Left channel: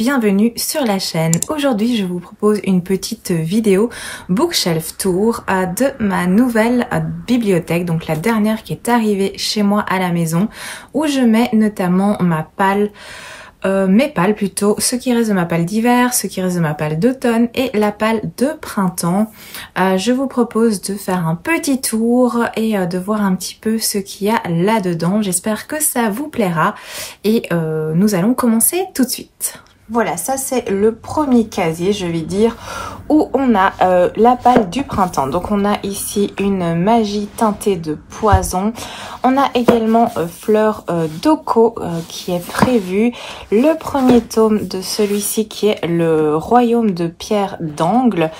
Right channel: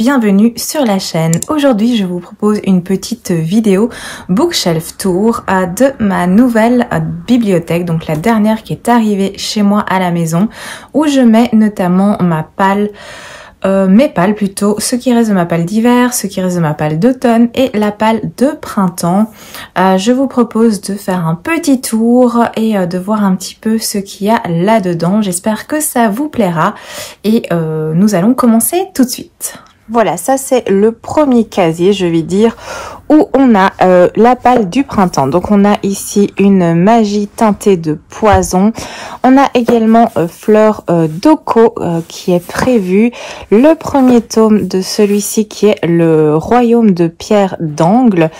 bienvenue sur la chaîne. Aujourd'hui, je vous propose une petite vidéo bookshelf tour de ma nouvelle bibliothèque, donc la dernière qui est arrivée chez moi à la maison, où je mets notamment ma palle, mes palles plutôt, ce qui reste de ma palle d'hiver, ce qui reste de ma palle d'automne et la palle de printemps. Je vous propose de faire un petit tour et de voir un petit peu ce qu'il y a là-dedans. J'espère que ça vous plaira et nous allons commencer tout de suite. Voilà, ça c'est le premier casier, je vais dire, où on a la palle du printemps. Donc on a ici une magie teintée de poison. On a également Fleur d'Oko qui est prévu. Le premier tome de celui-ci qui est le Royaume de Pierre d'Angle.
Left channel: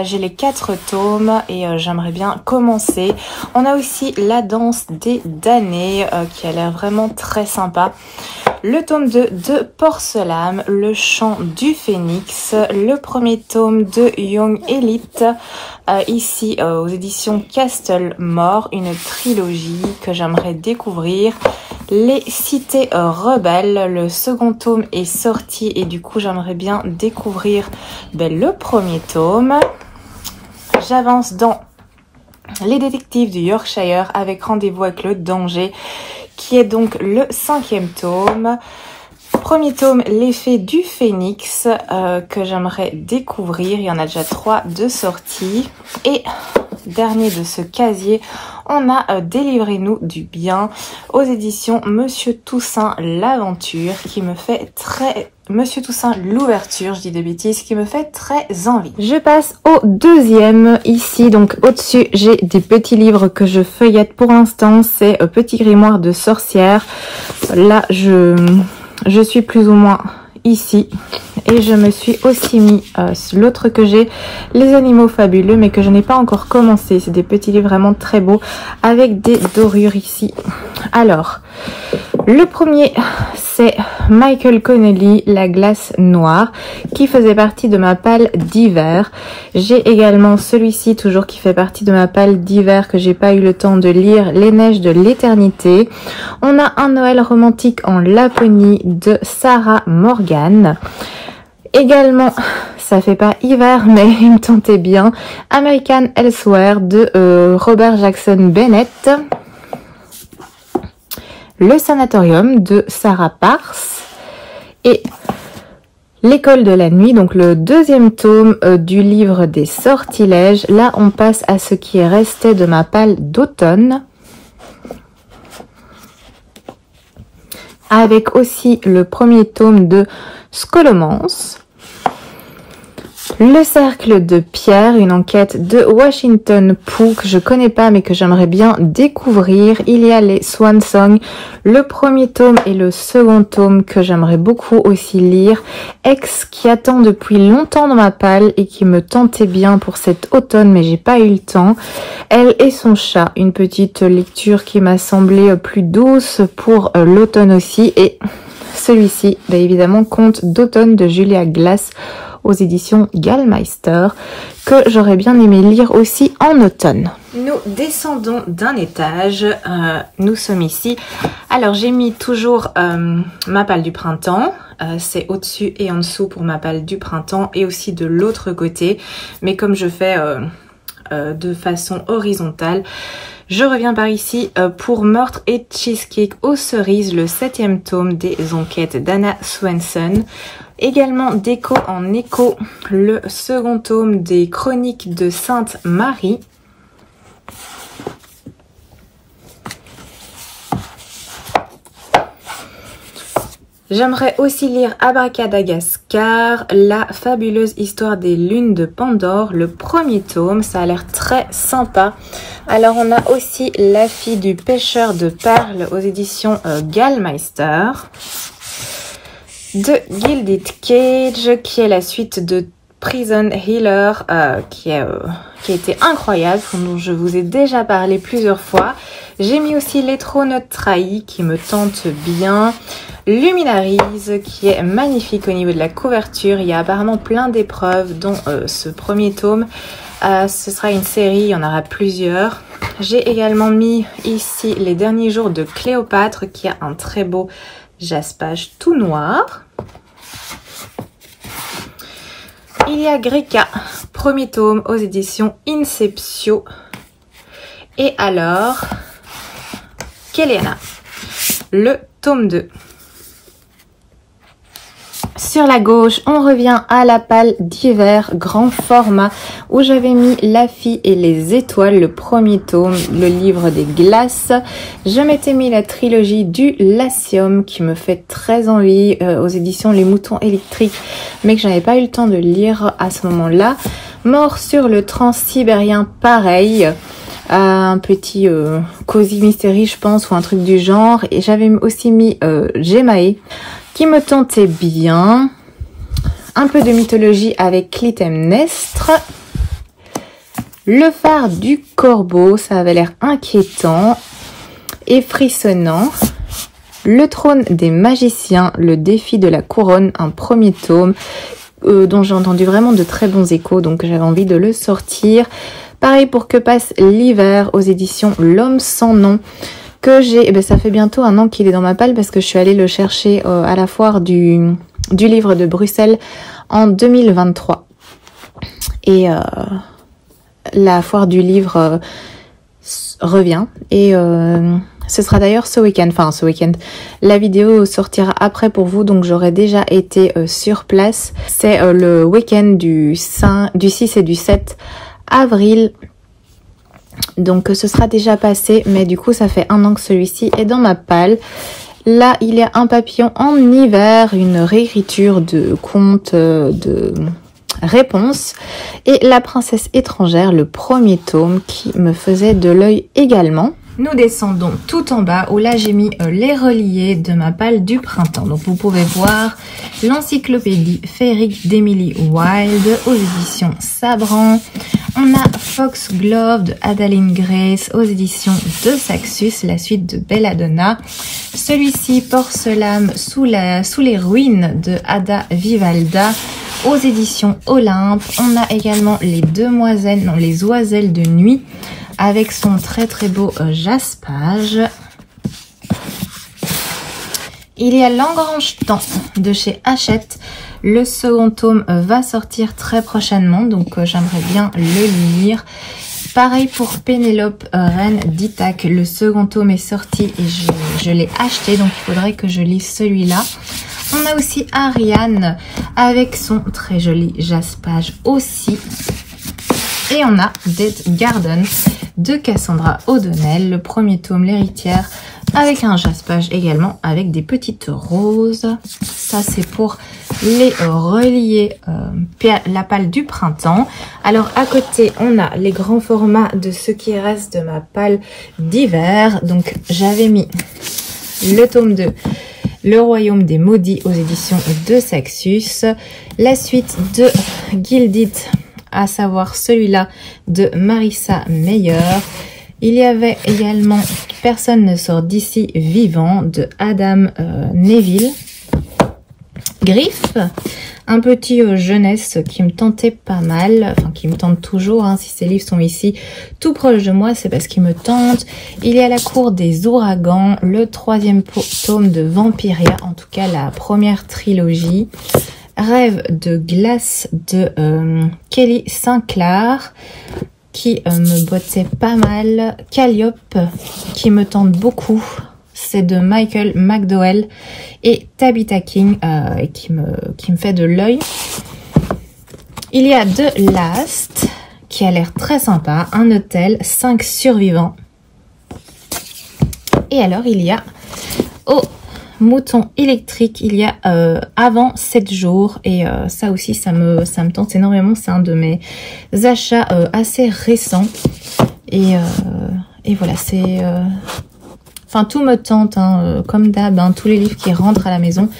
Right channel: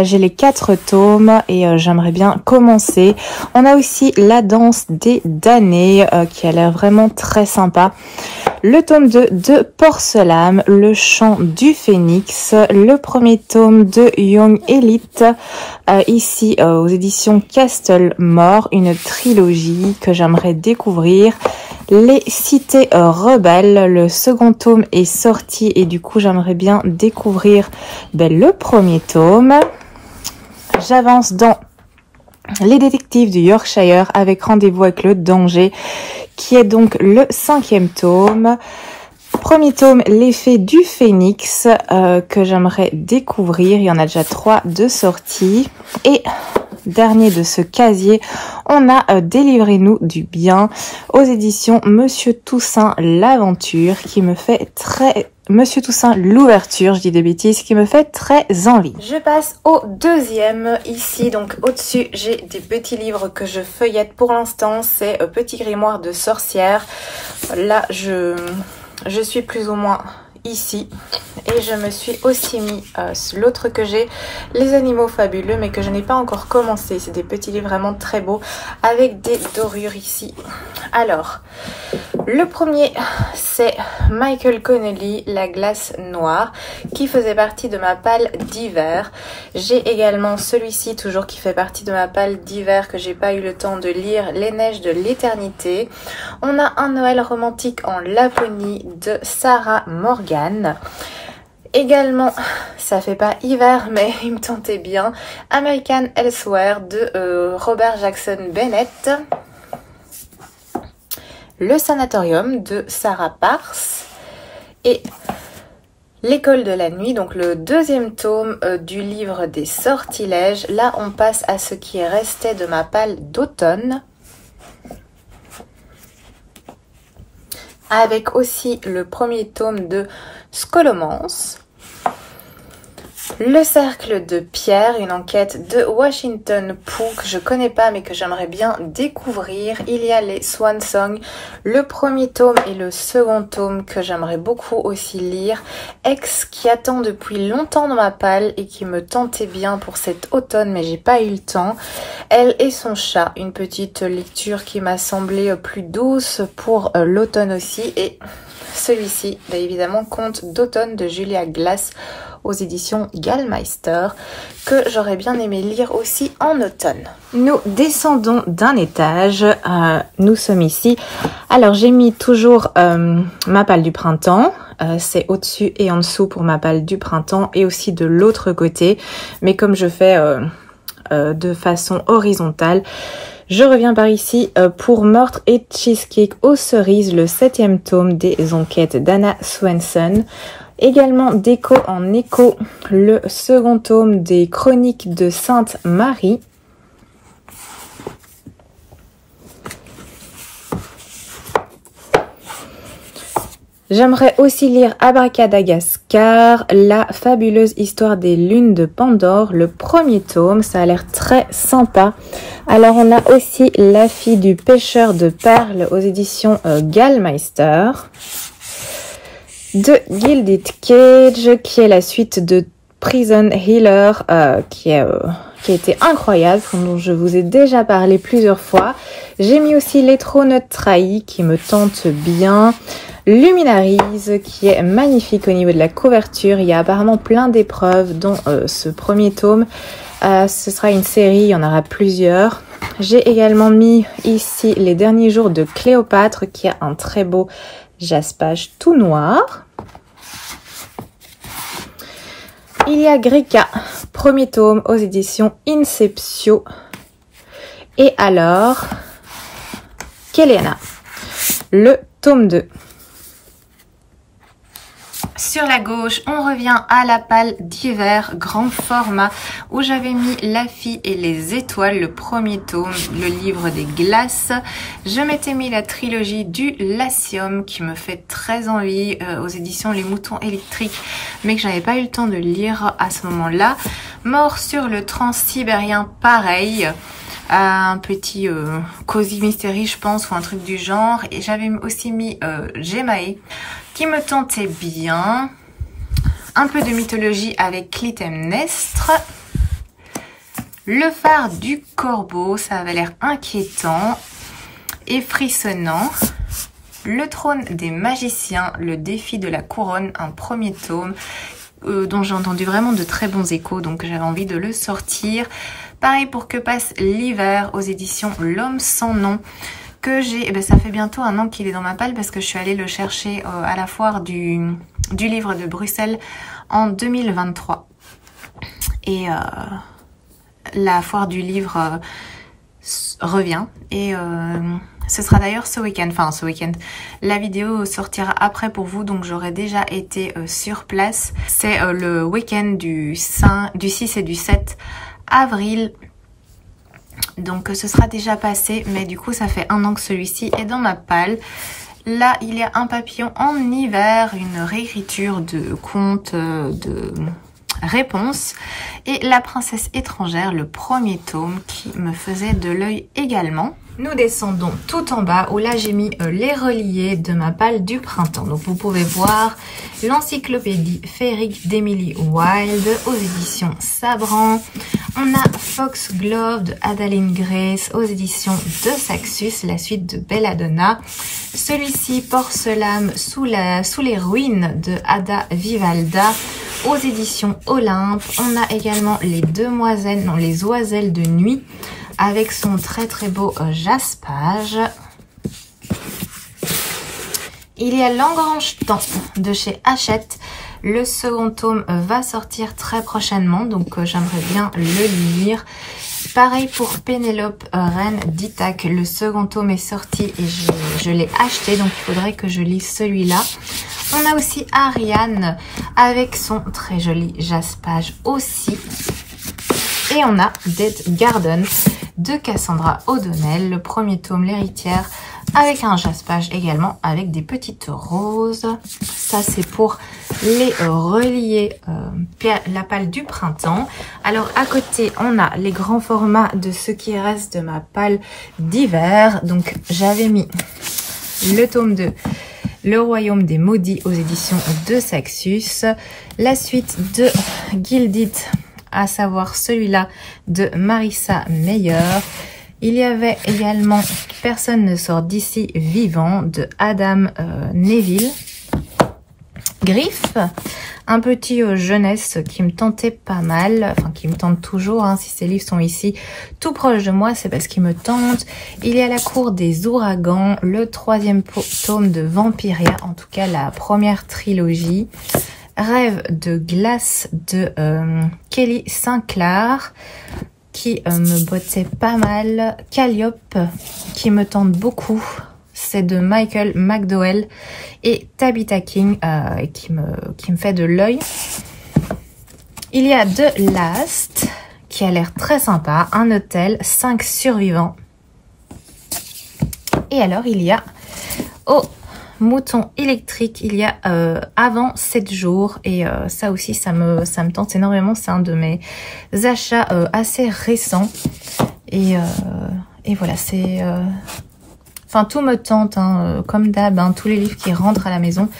J'ai les 4 tomes et j'aimerais bien commencer. On a aussi La Danse des damnés qui a l'air vraiment très sympa. Le tome 2 de Porcelam, Le Chant du Phénix, le premier tome de Young Elite, ici aux éditions Castlemore, une trilogie que j'aimerais découvrir. Les Cités Rebelles, le second tome est sorti et du coup j'aimerais bien découvrir le premier tome. J'avance dans Les Détectives du Yorkshire avec Rendez-vous avec le danger, qui est donc le 5e tome. Premier tome, L'Effet du Phénix, que j'aimerais découvrir. Il y en a déjà 3 de sortie. Et dernier de ce casier, on a Délivrez-nous du bien aux éditions Monsieur Toussaint l'Aventure, qui me fait très... Monsieur Toussaint l'Ouverture, je dis des bêtises, qui me fait très envie. Je passe au deuxième. Ici, donc au-dessus, j'ai des petits livres que je feuillette pour l'instant. C'est Petit Grimoire de sorcière. Là, je suis plus ou moins ici. Et je me suis aussi mis l'autre que j'ai, Les Animaux Fabuleux, mais que je n'ai pas encore commencé. C'est des petits livres vraiment très beaux avec des dorures ici. Alors, le premier, c'est Michael Connelly, La Glace Noire, qui faisait partie de ma palle d'hiver. J'ai également celui-ci, toujours qui fait partie de ma palle d'hiver, que j'ai pas eu le temps de lire, Les Neiges de l'Éternité. On a Un Noël romantique en Laponie de Sarah Morgan. Également, ça fait pas hiver, mais il me tentait bien, American Elsewhere de Robert Jackson Bennett. Le Sanatorium de Sarah Pars et L'école de la nuit, donc le deuxième tome du livre des sortilèges. Là, on passe à ce qui est resté de ma palle d'automne, avec aussi le premier tome de Scholomance. Le cercle de pierre, une enquête de Washington Pooh que je connais pas mais que j'aimerais bien découvrir. Il y a les Swan Song, le premier tome et le second tome que j'aimerais beaucoup aussi lire. Ex qui attend depuis longtemps dans ma palle et qui me tentait bien pour cet automne mais j'ai pas eu le temps. Elle et son chat, une petite lecture qui m'a semblé plus douce pour l'automne aussi. Et celui-ci, évidemment, Conte d'automne de Julia Glass aux éditions Gallmeister, que j'aurais bien aimé lire aussi en automne. Nous descendons d'un étage, nous sommes ici. Alors j'ai mis toujours ma palle du printemps, c'est au-dessus et en dessous pour ma palle du printemps et aussi de l'autre côté, mais comme je fais de façon horizontale, je reviens par ici pour Meurtre et Cheesecake aux cerises, le 7e tome des enquêtes d'Anna Swenson. Également d'Écho en écho, le second tome des Chroniques de Sainte Marie. J'aimerais aussi lire Abracadagascar, la fabuleuse histoire des lunes de Pandore, le premier tome, ça a l'air très sympa. Alors on a aussi La fille du pêcheur de perles aux éditions Gallmeister. De Gilded Cage, qui est la suite de Prison Healer, qui a été incroyable, dont je vous ai déjà parlé plusieurs fois. J'ai mis aussi Les Trônes trahis, qui me tente bien. Luminaries, qui est magnifique au niveau de la couverture. Il y a apparemment plein d'épreuves, dont ce premier tome. Ce sera une série, il y en aura plusieurs. J'ai également mis ici Les derniers jours de Cléopâtre, qui a un très beau jaspage tout noir. Il y a Grika, premier tome aux éditions Inceptio. Et alors, Kelena, le tome 2. Sur la gauche, on revient à la palle d'hiver grand format où j'avais mis La fille et les étoiles, le premier tome, le livre des glaces. Je m'étais mis la trilogie du Latium qui me fait très envie aux éditions Les Moutons Électriques, mais que j'avais pas eu le temps de lire à ce moment-là. Mort sur le Transsibérien, pareil. Un petit Cozy Mystery, je pense, ou un truc du genre. Et j'avais aussi mis Gemae, qui me tentait bien. Un peu de mythologie avec Clytemnestre. Le phare du corbeau, ça avait l'air inquiétant et frissonnant. Le trône des magiciens, le défi de la couronne, un premier tome dont j'ai entendu vraiment de très bons échos, donc j'avais envie de le sortir. Pareil pour Que passe l'hiver aux éditions L'homme sans nom, que j'ai, ça fait bientôt 1 an qu'il est dans ma palle parce que je suis allée le chercher à la foire du livre de Bruxelles en 2023. Et la foire du livre revient et ce sera d'ailleurs ce week-end, enfin ce week-end. La vidéo sortira après pour vous, donc j'aurai déjà été sur place. C'est le week-end du 6 et du 7 avril. Donc ce sera déjà passé, mais du coup ça fait 1 an que celui-ci est dans ma palle. Là il y a Un papillon en hiver, une réécriture de conte de réponse, et La princesse étrangère, le premier tome qui me faisait de l'œil également. Nous descendons tout en bas où là j'ai mis les reliés de ma palle du printemps. Donc vous pouvez voir l'encyclopédie féerique d'Emily Wilde aux éditions Sabran. On a Foxglove de Adaline Grace aux éditions de Saxus, la suite de Belladonna. Celui-ci, Porcelame sous les ruines de Ada Vivalda aux éditions Olympe. On a également les oiselles de nuit avec son très très beau jaspage. Il y a L'Engrange-Temps de chez Hachette. Le second tome va sortir très prochainement, donc j'aimerais bien le lire. Pareil pour Pénélope, Reine d'Ithaque. Le second tome est sorti et je l'ai acheté, donc il faudrait que je lise celui-là. On a aussi Ariane avec son très joli jaspage aussi. Et on a Dead Garden de Cassandra O'Donnell, le premier tome, l'héritière, avec un jaspage également avec des petites roses. Ça c'est pour les reliés la palle du printemps. Alors à côté on a les grands formats de ce qui reste de ma palle d'hiver. Donc j'avais mis le tome 2, Le royaume des maudits aux éditions de Saxus, la suite de Gilded, à savoir celui-là de Marissa Meyer. Il y avait également Personne ne sort d'ici vivant de Adam Neville. Griffe, un petit jeunesse qui me tentait pas mal, enfin qui me tente toujours, hein, si ces livres sont ici tout proche de moi, c'est parce qu'ils me tentent. Il y a La cour des ouragans, le 3e tome de Vampiria, en tout cas la première trilogie. Rêve de glace de Kelly Sinclair, qui me bottait pas mal. Calliope, qui me tente beaucoup, c'est de Michael McDowell. Et Tabitha King, qui me fait de l'œil. Il y a The Last, qui a l'air très sympa. Un hôtel, 5 survivants. Et alors il y a Mouton électrique, il y a avant 7 jours, et ça aussi ça me tente énormément. C'est un de mes achats assez récents, et voilà, c'est enfin tout me tente, hein, comme d'hab, hein, tous les livres qui rentrent à la maison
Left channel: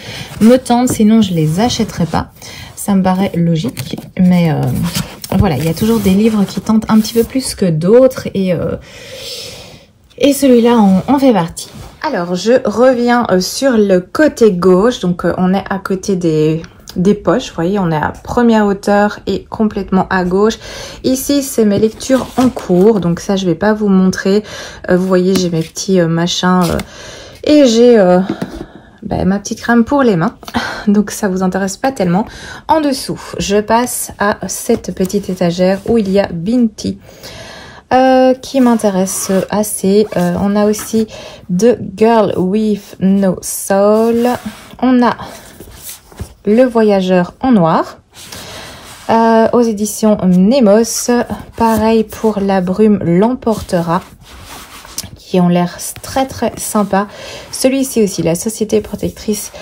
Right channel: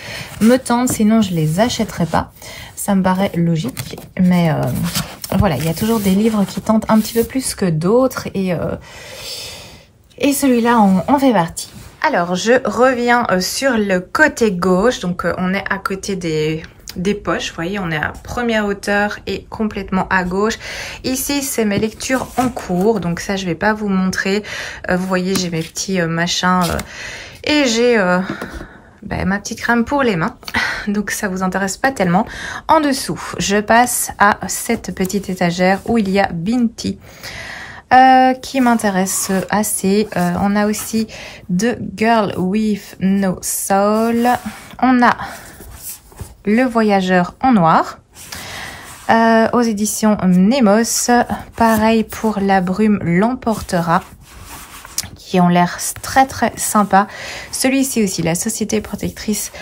me tentent, sinon je les achèterais pas, ça me paraît logique. Mais voilà, il y a toujours des livres qui tentent un petit peu plus que d'autres, et celui-là en fait partie. Alors, je reviens sur le côté gauche. Donc, on est à côté des poches. Vous voyez, on est à première hauteur et complètement à gauche. Ici, c'est mes lectures en cours. Donc, ça, je vais pas vous montrer. Vous voyez, j'ai mes petits machins. Et j'ai ma petite crème pour les mains. Donc ça vous intéresse pas tellement. En dessous, je passe à cette petite étagère où il y a Binti. Qui m'intéresse assez. On a aussi The Girl with No Soul. On a Le Voyageur en noir. Aux éditions Nemos. Pareil pour La Brume l'emportera, qui ont l'air très très sympa. Celui-ci aussi, La Société protectrice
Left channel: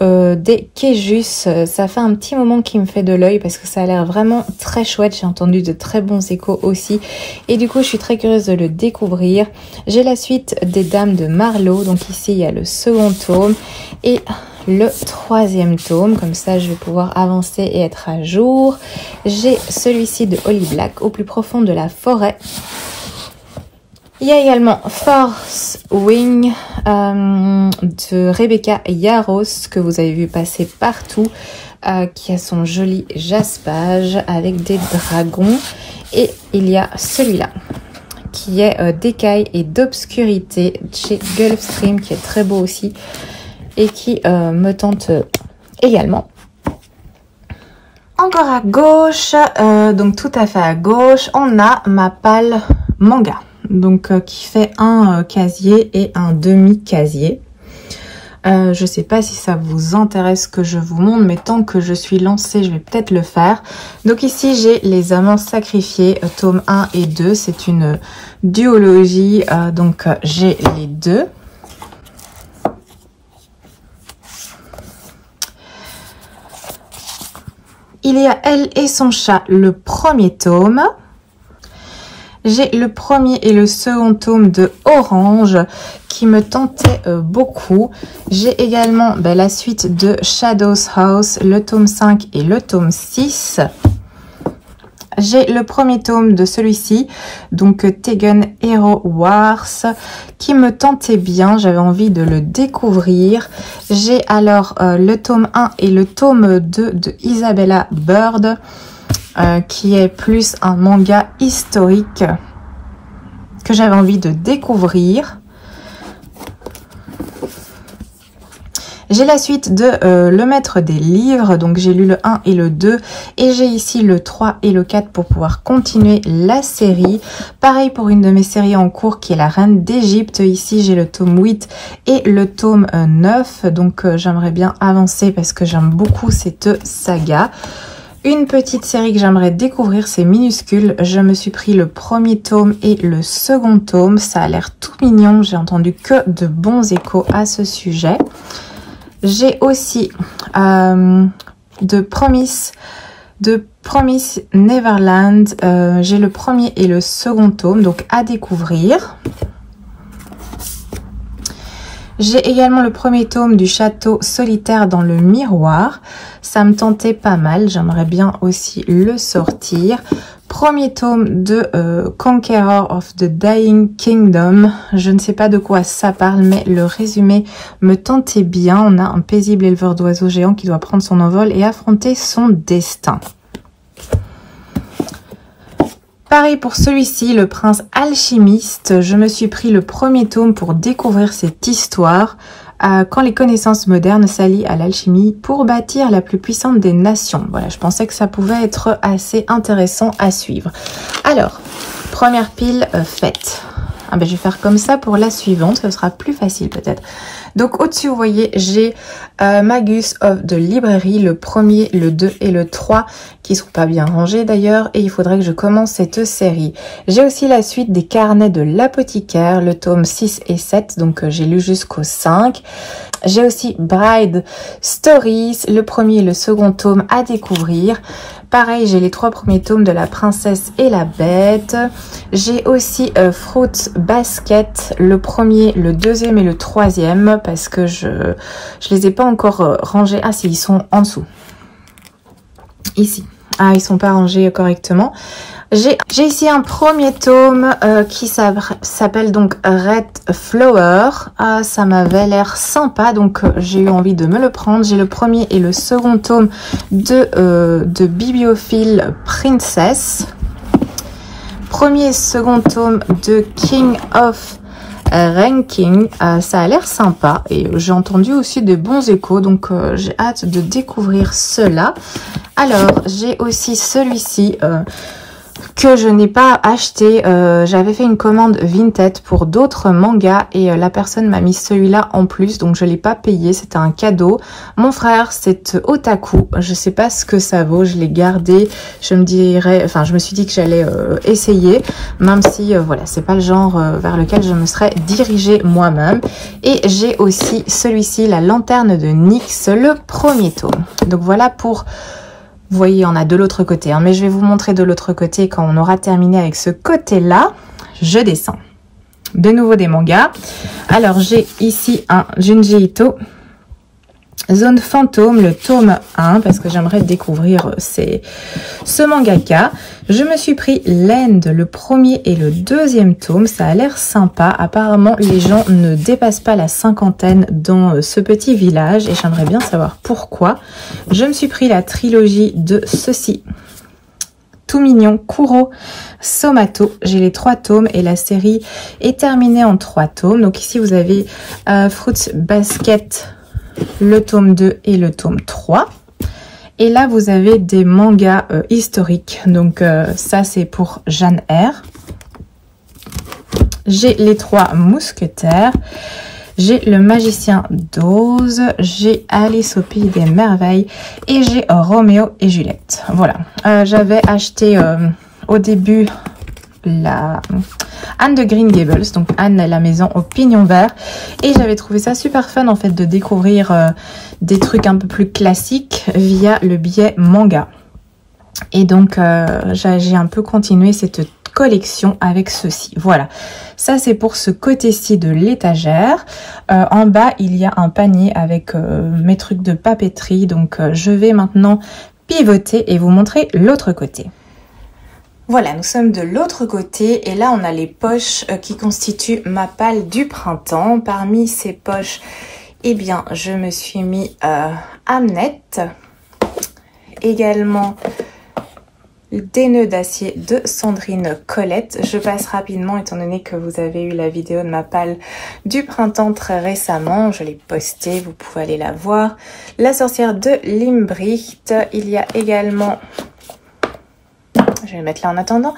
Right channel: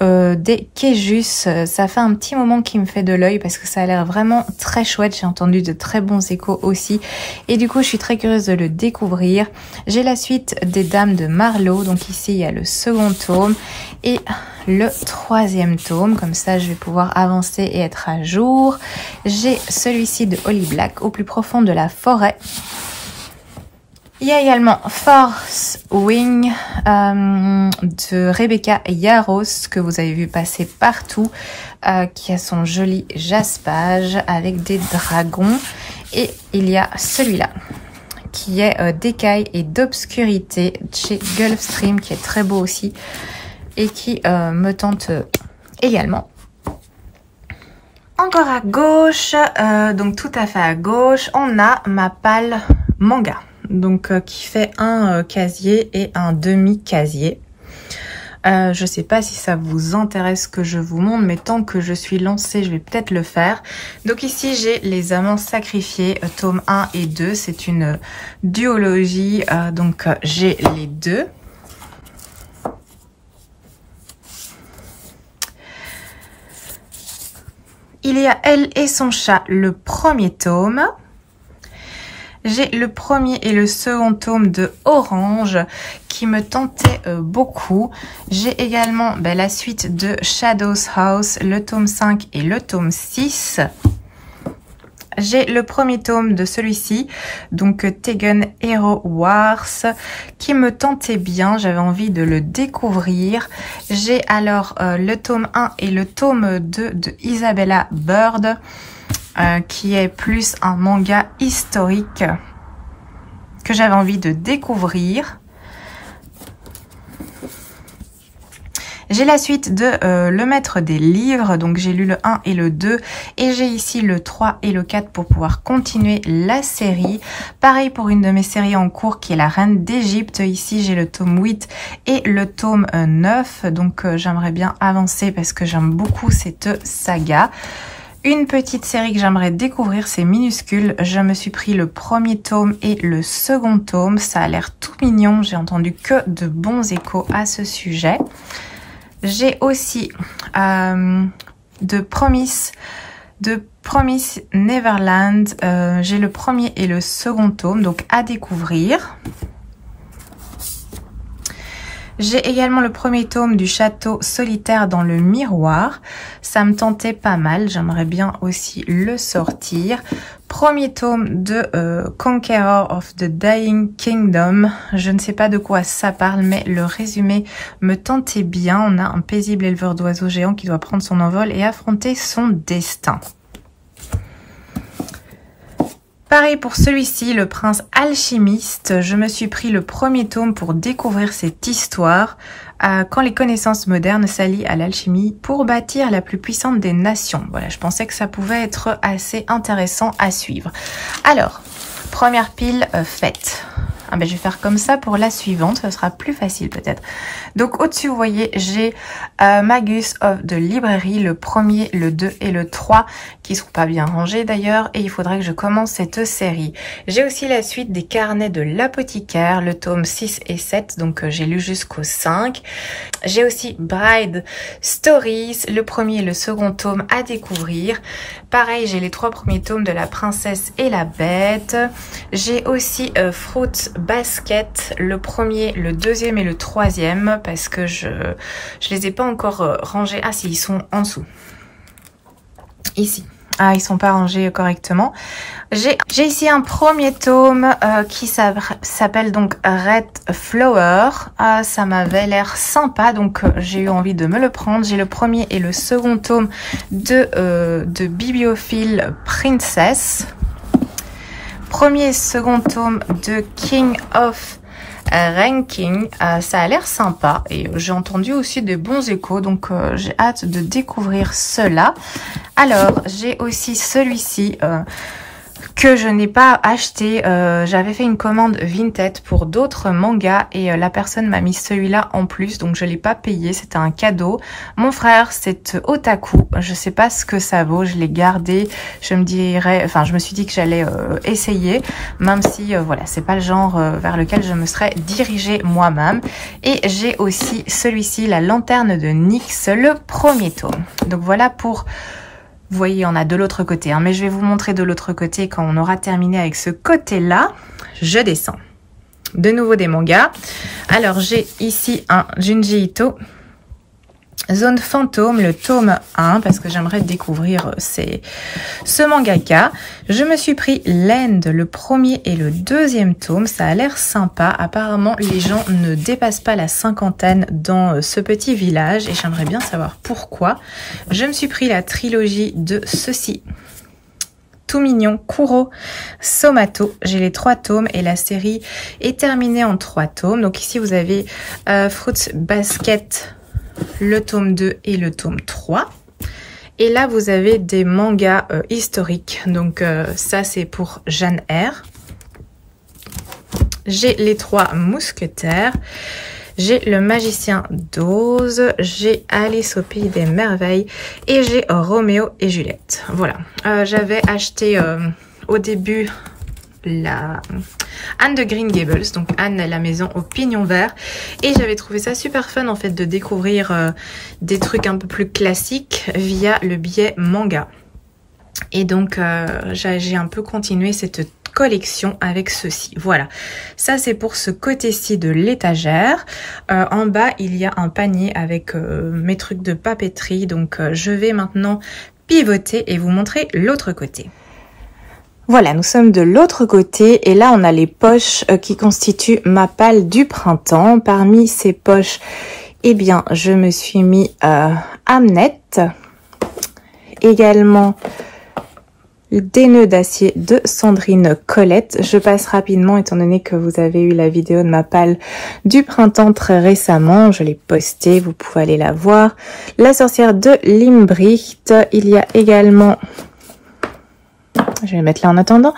des Quejus. Ça fait un petit moment qui me fait de l'œil parce que ça a l'air vraiment très chouette. J'ai entendu de très bons échos aussi et du coup je suis très curieuse de le découvrir. J'ai la suite des Dames de Marlowe, donc ici il y a le second tome et le troisième tome, comme ça je vais pouvoir avancer et être à jour. J'ai celui-ci de Holly Black, Au plus profond de la forêt. Il y a également Force Wing de Rebecca Yarros, que vous avez vu passer partout, qui a son joli jaspage avec des dragons. Et il y a celui-là, qui est d'écailles et d'obscurité chez Gulfstream, qui est très beau aussi et qui me tente également. Encore à gauche, donc tout à fait à gauche, on a ma palle manga. Donc qui fait un casier et un demi-casier. Je sais pas si ça vous intéresse que je vous montre, mais tant que je suis lancée, je vais peut-être le faire. Donc ici, j'ai Les Amants sacrifiés, tome 1 et 2. C'est une duologie, donc j'ai les deux. Il y a Elle et son chat, le premier tome. J'ai le premier et le second tome de Orange qui me tentait beaucoup. J'ai également la suite de Shadow's House, le tome 5 et le tome 6. J'ai le premier tome de celui-ci, donc Tegan Hero Wars, qui me tentait bien. J'avais envie de le découvrir. J'ai alors le tome 1 et le tome 2 de Isabella Bird, qui est plus un manga historique que j'avais envie de découvrir. J'ai la suite de Le Maître des Livres, donc j'ai lu le 1 et le 2 et j'ai ici le 3 et le 4 pour pouvoir continuer la série. Pareil pour une de mes séries en cours qui est La Reine d'Égypte. Ici j'ai le tome 8 et le tome 9, donc j'aimerais bien avancer parce que j'aime beaucoup cette saga. Une petite série que j'aimerais découvrir, c'est Minuscule. Je me suis pris le premier tome et le second tome. Ça a l'air tout mignon. J'ai entendu que de bons échos à ce sujet. J'ai aussi de Promise Neverland. J'ai le premier et le second tome, donc à découvrir. J'ai également le premier tome du Château solitaire dans le miroir. Ça me tentait pas mal, j'aimerais bien aussi le sortir. Premier tome de Conqueror of the Dying Kingdom. Je ne sais pas de quoi ça parle, mais le résumé me tentait bien. On a un paisible éleveur d'oiseaux géants qui doit prendre son envol et affronter son destin. Pareil pour celui-ci, Le Prince Alchimiste. Je me suis pris le premier tome pour découvrir cette histoire. Quand les connaissances modernes s'allient à l'alchimie pour bâtir la plus puissante des nations. Voilà, je pensais que ça pouvait être assez intéressant à suivre. Alors, première pile faite. Je vais faire comme ça pour la suivante, ce sera plus facile peut-être. Donc au-dessus, vous voyez, j'ai Magus of the Library, le premier, le 2 et le 3, qui sont pas bien rangés d'ailleurs, et il faudrait que je commence cette série. J'ai aussi la suite des Carnets de l'apothicaire, le tome 6 et 7, donc j'ai lu jusqu'au 5. J'ai aussi Bride Stories, le premier et le second tome à découvrir. Pareil, j'ai les 3 premiers tomes de La Princesse et la Bête. J'ai aussi Fruit Basket, le premier, le deuxième et le troisième, parce que je les ai pas encore rangés. Ah si, ils sont en dessous. Ici. Ah, ils sont pas rangés correctement. J'ai ici un premier tome qui s'appelle donc Red Flower. Ah, ça m'avait l'air sympa, donc j'ai eu envie de me le prendre. J'ai le premier et le second tome de Bibliophile Princess. Premier et second tome de King of Ranking. Ça a l'air sympa et j'ai entendu aussi des bons échos, donc j'ai hâte de découvrir cela. Alors, j'ai aussi celui-ci que je n'ai pas acheté. J'avais fait une commande Vinted pour d'autres mangas et la personne m'a mis celui-là en plus, donc je l'ai pas payé, c'était un cadeau. Mon frère, c'est Otaku, je sais pas ce que ça vaut, je l'ai gardé. Je me suis dit que j'allais essayer, même si voilà, c'est pas le genre vers lequel je me serais dirigée moi-même. Et j'ai aussi celui-ci, La Lanterne de Nyx, le premier tome. Donc voilà pour... Vous voyez, on a de l'autre côté, hein, mais je vais vous montrer de l'autre côté quand on aura terminé avec ce côté-là. Je descends. De nouveau des mangas. Alors, j'ai ici un Junji Ito, Zone Fantôme, le tome 1, parce que j'aimerais découvrir ce mangaka. Je me suis pris Land, le premier et le deuxième tome. Ça a l'air sympa. Apparemment, les gens ne dépassent pas la 50aine dans ce petit village et j'aimerais bien savoir pourquoi. Je me suis pris la trilogie de ceci. Tout mignon, Kuro Somato. J'ai les 3 tomes et la série est terminée en 3 tomes. Donc ici, vous avez Fruits Basket, le tome 2 et le tome 3. Et là, vous avez des mangas historiques. Donc, ça, c'est pour Jeanne R. J'ai les 3 mousquetaires. J'ai le magicien d'Oz. J'ai Alice au pays des merveilles. Et j'ai Roméo et Juliette. Voilà. J'avais acheté au début la Anne de Green Gables, donc Anne la maison au pignon vert, et j'avais trouvé ça super fun en fait de découvrir des trucs un peu plus classiques via le biais manga. Et donc j'ai un peu continué cette collection avec ceci. Voilà, ça c'est pour ce côté-ci de l'étagère. En bas il y a un panier avec mes trucs de papeterie, donc je vais maintenant pivoter et vous montrer l'autre côté. Voilà, nous sommes de l'autre côté et là on a les poches qui constituent ma palle du printemps. Parmi ces poches, eh bien je me suis mis Hamnet, également des nœuds d'acier de Sandrine Colette. Je passe rapidement étant donné que vous avez eu la vidéo de ma palle du printemps très récemment. Je l'ai postée, vous pouvez aller la voir. La sorcière de Limbricht, il y a également... Je vais le mettre là en attendant.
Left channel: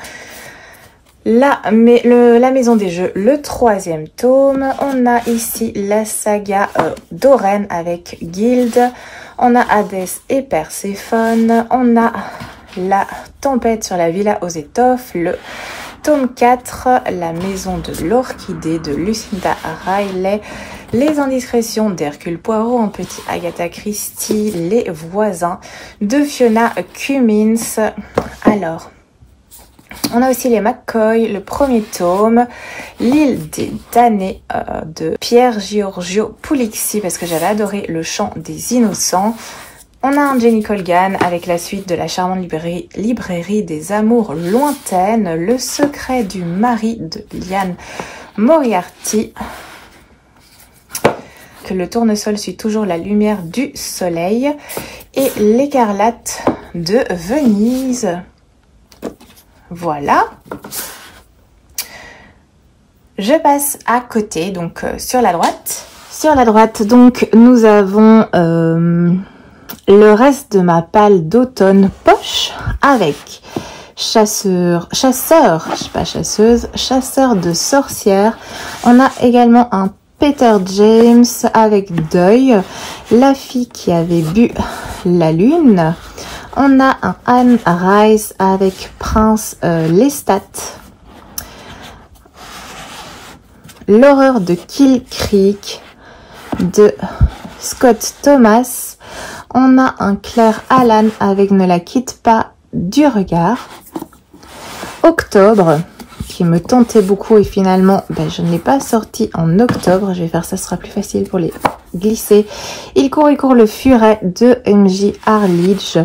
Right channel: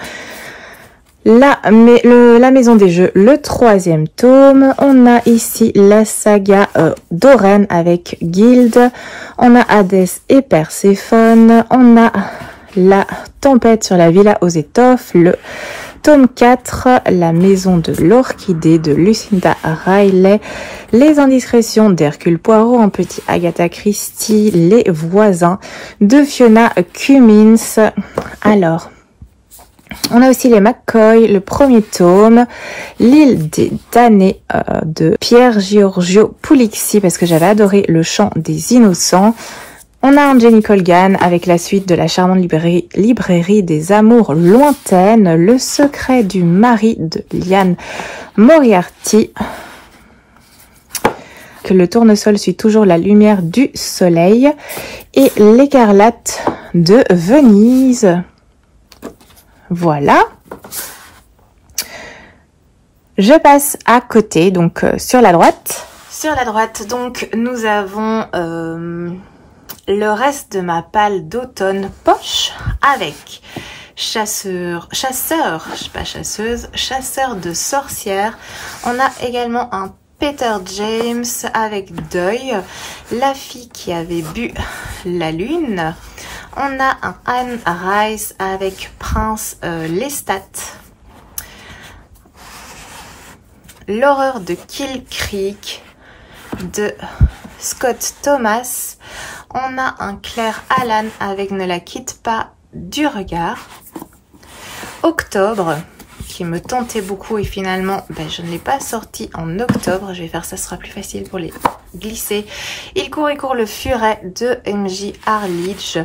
La maison des jeux, le 3e tome. On a ici la saga d'Oren avec Guild. On a Hadès et Perséphone. On a la tempête sur la villa aux étoffes. Le tome 4, la maison de l'orchidée de Lucinda Riley. Les indiscrétions d'Hercule Poirot en petit Agatha Christie. Les voisins de Fiona Cummins. Alors, on a aussi les McCoy, le premier tome, l'île des damnés de Pierre Giorgio Pulixi, parce que j'avais adoré le chant des innocents. On a un Jenny Colgan avec la suite de la charmante librairie des amours lointaines, le secret du mari de Liane Moriarty, que le tournesol suit toujours la lumière du soleil, et l'écarlate de Venise. Voilà. Je passe à côté, donc sur la droite. Sur la droite, donc, nous avons le reste de ma palle d'automne poche avec chasseur de sorcières. On a également un Peter James avec Deuil, la fille qui avait bu la lune. On a un Anne Rice avec Prince Lestat, l'horreur de Kill Creek de Scott Thomas. On a un Claire Allan avec Ne la quitte pas du regard. Octobre, qui me tentait beaucoup et finalement je ne l'ai pas sorti en octobre. Je vais faire ça, ce sera plus facile pour les glisser. Il court et court le furet de MJ Harledge.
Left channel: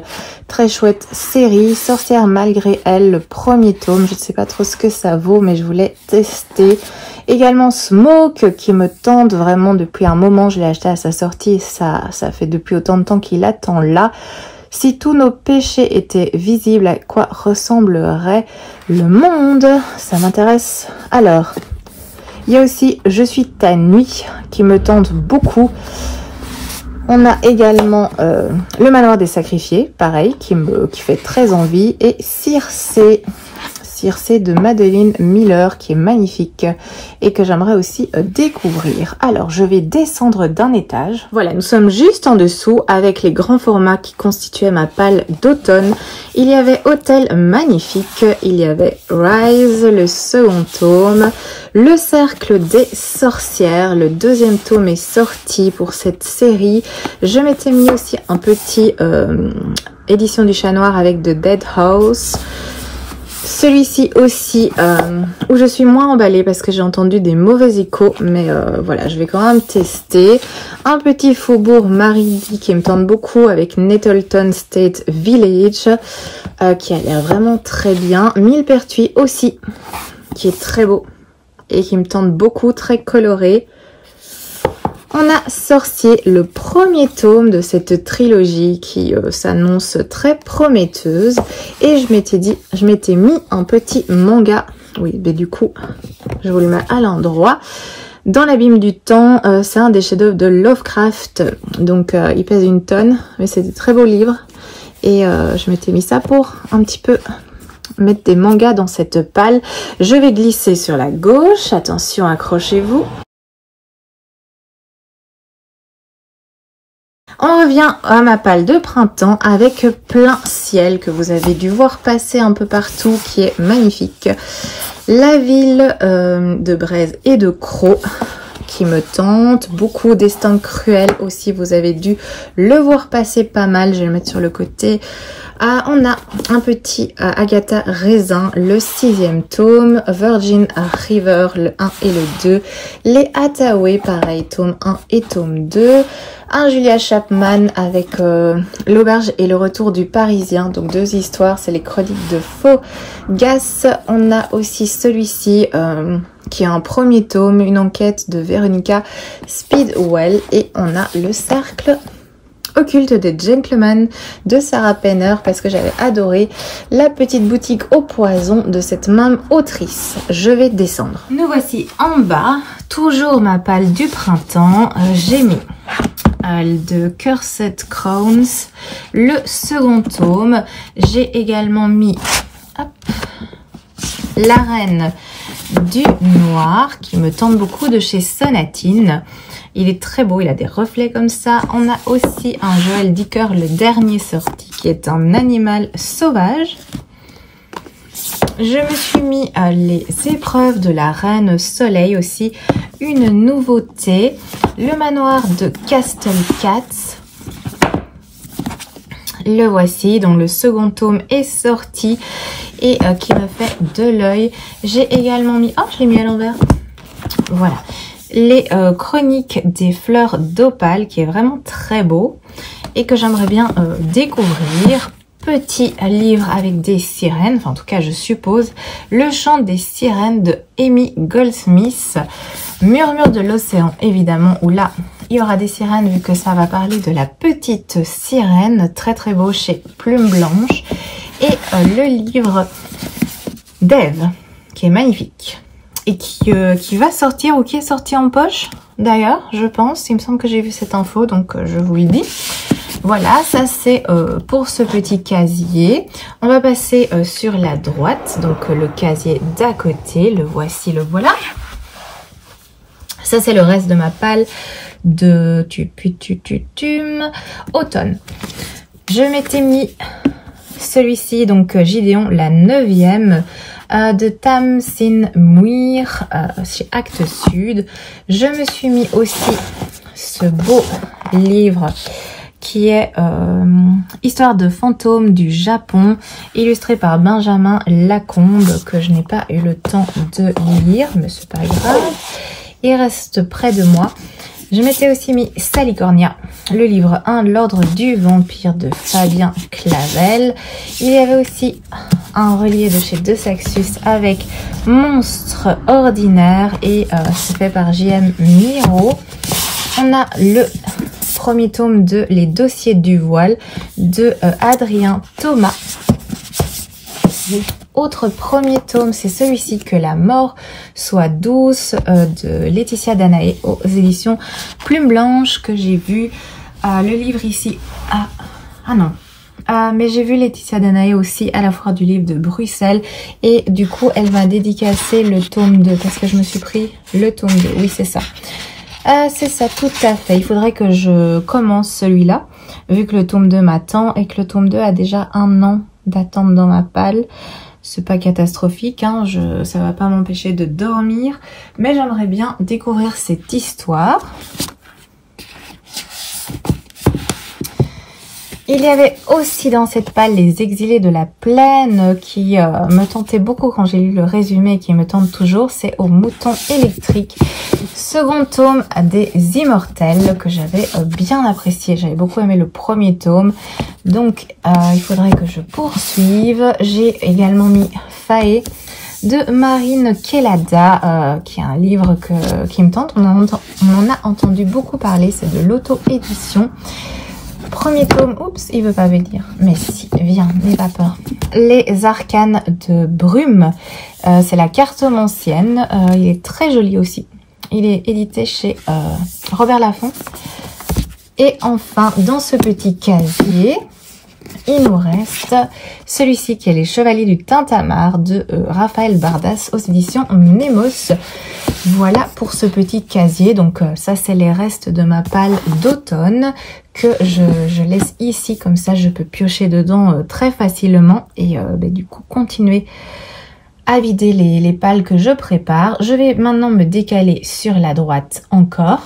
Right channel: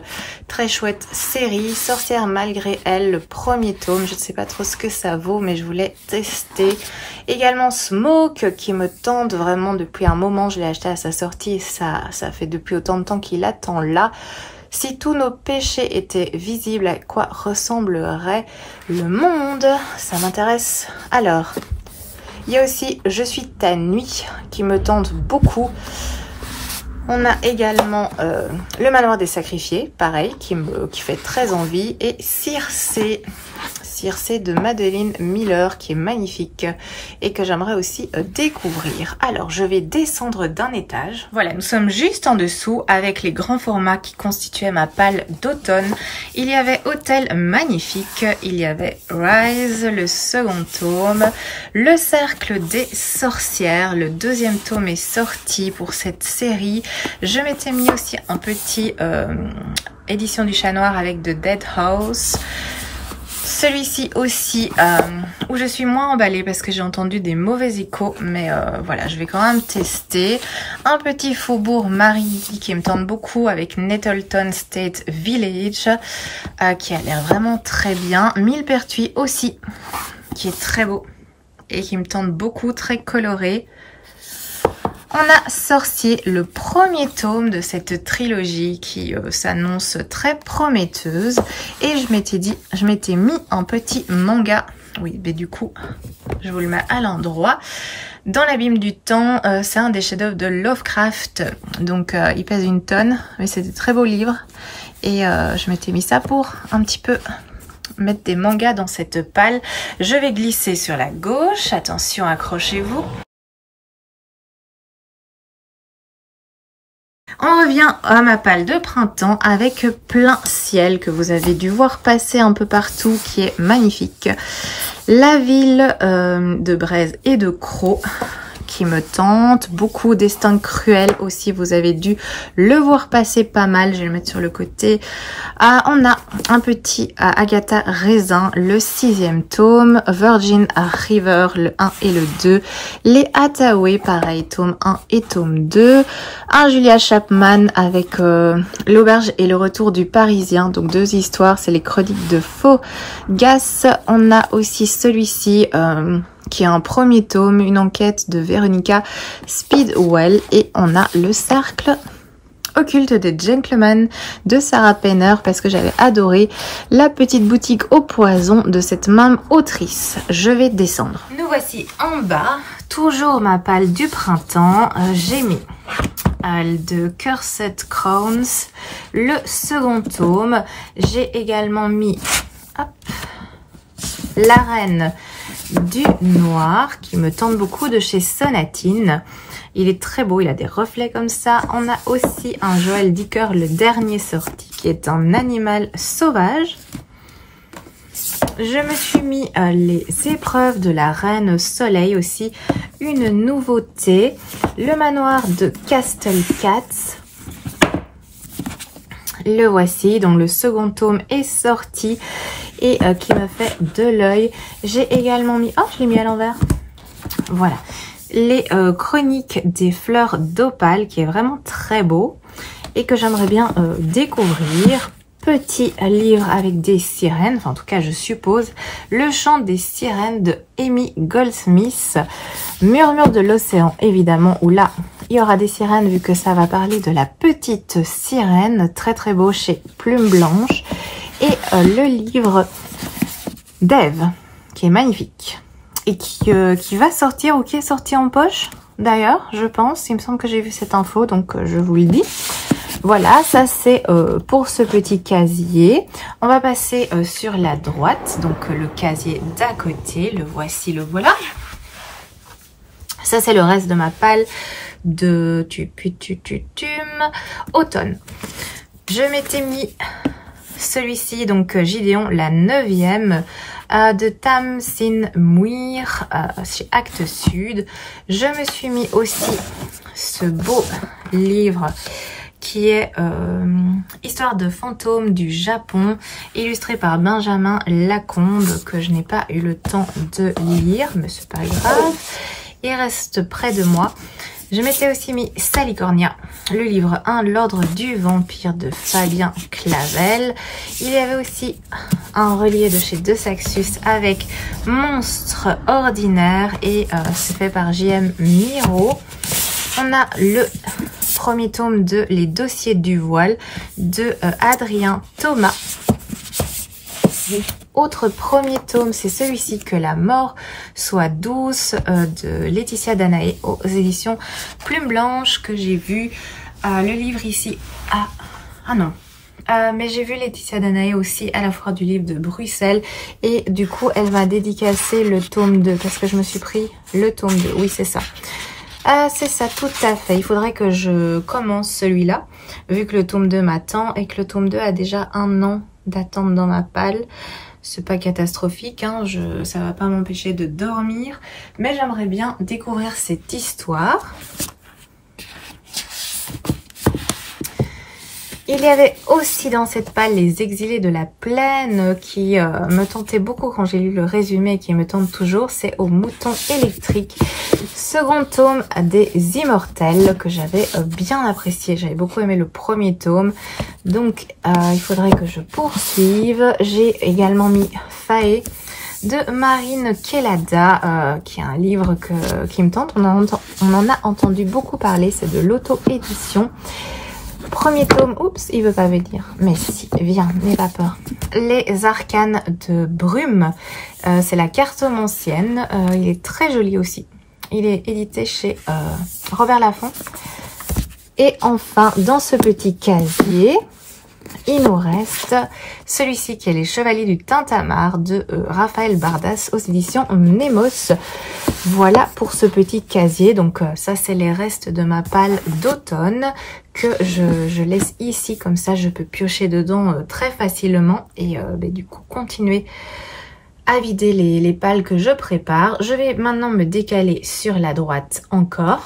Très chouette série. Sorcière malgré elle, le premier tome. Je ne sais pas trop ce que ça vaut, mais je voulais tester. Également Smoke, qui me tente vraiment depuis un moment. Je l'ai acheté à sa sortie et ça fait depuis autant de temps qu'il attend là. Si tous nos péchés étaient visibles, à quoi ressemblerait le monde? Ça m'intéresse. Alors, Il y a aussi Je suis ta nuit qui me tente beaucoup. On a également Le Manoir des Sacrifiés, pareil, qui fait très envie. Et Circé de Madeline Miller, qui est magnifique et que j'aimerais aussi découvrir. Alors, je vais descendre d'un étage. Voilà, nous sommes juste en dessous avec les grands formats qui constituaient ma palle d'automne. Il y avait Hôtel Magnifique, il y avait Rise, le second tome, Le Cercle des Sorcières, le deuxième tome est sorti pour cette série. Je m'étais mis aussi un petit édition du Chat Noir avec The Dead House. Celui-ci aussi, où je suis moins emballée parce que j'ai entendu des mauvais échos, mais voilà, je vais quand même tester. Un petit Faubourg Maridi qui me tente beaucoup avec Nettleton State Village, qui a l'air vraiment très bien. Millepertuis aussi, qui est très beau et qui me tente beaucoup, très coloré. On a Sorcier, le premier tome de cette trilogie qui s'annonce très prometteuse. Et je m'étais mis un petit manga. Oui, mais du coup, je vous le mets à l'endroit. Dans l'abîme du temps, c'est un des chefs-d'œuvre de Lovecraft. Donc, il pèse 1 tonne, mais c'est des très beaux livres. Et je m'étais mis ça pour un petit peu mettre des mangas dans cette palle. Je vais glisser sur la gauche. Attention, accrochez-vous. On revient à ma palle de printemps avec Plein Ciel que vous avez dû voir passer un peu partout, qui est magnifique. La ville de Braise et de Croc qui me tente. Beaucoup Destin Cruel aussi, vous avez dû le voir passer pas mal. Je vais le mettre sur le côté. On a un petit Agatha Raisin, le 6e tome. Virgin River, le 1 et le 2. Les Hathaway, pareil, tome 1 et tome 2. Un Julia Chapman avec L'Auberge et le Retour du Parisien. Donc 2 histoires, c'est les chroniques de Faugas. On a aussi celui-ci qui est un premier tome, une enquête de Veronica Speedwell. Et on a Le Cercle occulte des gentlemen de Sarah Penner, parce que j'avais adoré La petite boutique au poison de cette même autrice. Je vais descendre. Nous voici en bas, toujours ma palle du printemps. J'ai mis de Cursed Crowns, le second tome. J'ai également mis La Reine du Noir, qui me tente beaucoup, de chez Sonatine. Il est très beau, il a des reflets comme ça. On a aussi un Joël Dicker, le dernier sorti, qui est un animal sauvage. Je me suis mis les épreuves de la Reine Soleil aussi, une nouveauté. Le manoir de Castle Cats. Le voici, dont le second tome est sorti et qui me fait de l'œil. J'ai également mis... Oh, je l'ai mis à l'envers. Voilà. Les chroniques des fleurs d'opale, qui est vraiment très beau et que j'aimerais bien découvrir. Petit livre avec des sirènes, enfin en tout cas je suppose. Le chant des sirènes de Amy Goldsmith. Murmure de l'océan, évidemment, où là il y aura des sirènes vu que ça va parler de la petite sirène. Très très beau chez Plume Blanche. Et le livre d'Ève, qui est magnifique et qui va sortir, ou qui est sorti en poche d'ailleurs, je pense. Il me semble que j'ai vu cette info, donc je vous le dis. Voilà, ça c'est pour ce petit casier. On va passer sur la droite, donc le casier d'à côté. Le voici, le voilà. Ça c'est le reste de ma palle de automne. Je m'étais mis celui-ci, donc Gideon, la 9e, de Tamsin Muir, chez Actes Sud. Je me suis mis aussi ce beau livre qui est Histoire de fantômes du Japon, illustré par Benjamin Lacombe, que je n'ai pas eu le temps de lire, mais c'est pas grave. Il reste près de moi. Je m'étais aussi mis Salicornia, le livre 1, L'Ordre du Vampire de Fabien Clavel. Il y avait aussi un relié de chez De Saxus avec Monstre Ordinaire, et c'est fait par J.M. Miro. On a le premier tome de Les Dossiers du Voile de Adrien Thomas. Autre premier tome, c'est celui-ci, Que la mort soit douce, de Laetitia Danaé aux éditions Plume Blanche, que j'ai vu. Le livre ici, non. Mais j'ai vu Laetitia Danaé aussi à la foire du livre de Bruxelles. Et du coup, elle m'a dédicacé le tome 2. Qu'est-ce que je me suis pris? Le tome 2, oui, c'est ça. C'est ça, tout à fait. Il faudrait que je commence celui-là, vu que le tome 2 m'attend et que le tome 2 a déjà 1 an d'attente dans ma palle. C'est pas catastrophique, hein, ça va pas m'empêcher de dormir. Mais j'aimerais bien découvrir cette histoire. Il y avait aussi dans cette palle Les Exilés de la Plaine qui me tentait beaucoup quand j'ai lu le résumé et qui me tente toujours. C'est Au mouton électrique. Second tome des Immortels que j'avais bien apprécié. J'avais beaucoup aimé le premier tome. Donc il faudrait que je poursuive. J'ai également mis Faé de Marine Kelada, qui est un livre qui me tente. On en a entendu beaucoup parler. C'est de l'auto-édition. Premier tome, oups, il veut pas venir. Mais si, viens, n'aie pas peur. Les Arcanes de Brume, c'est la cartomancienne. Il est très joli aussi. Il est édité chez Robert Laffont. Et enfin, dans ce petit casier, il nous reste celui-ci qui est Les Chevaliers du Tintamarre de Raphaël Bardas aux éditions Nemos. Voilà pour ce petit casier. Donc ça, c'est les restes de ma palle d'automne que je laisse ici. Comme ça, je peux piocher dedans très facilement et du coup continuer à vider les pales que je prépare. Je vais maintenant me décaler sur la droite encore,